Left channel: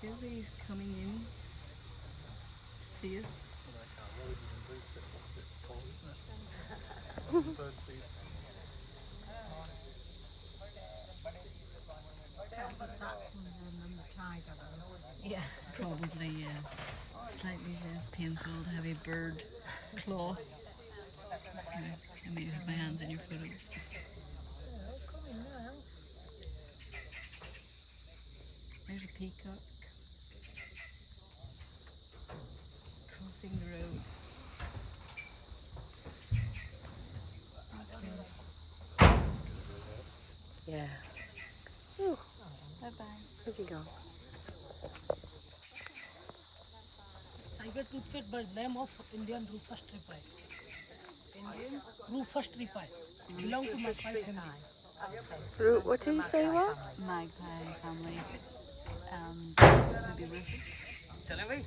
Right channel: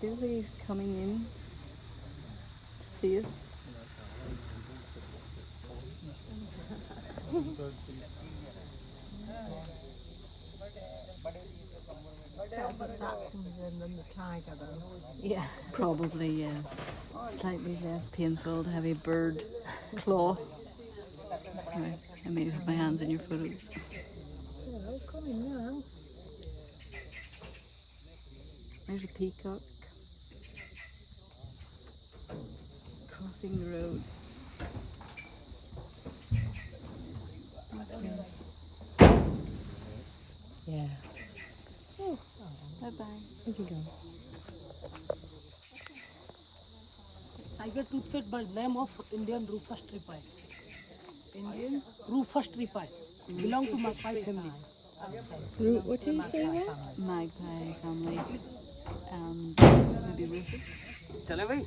Feels like he's coming in to see us. That comes in than the tiger, though. Yeah, probably, yes. Slightly less painful to have a bird claw. Right. I may have my hands in your photos. Yeah, coming now. There's a peacock crossing the road. Okay. Yeah. Oh, Bye-bye. where's he gone? Tiger toothfish by the name of Indian Rufus tripi. Indian? Rufus tripi belong to magpie family. What did you say it was? Magpie family. Maybe Rufus. चले भाई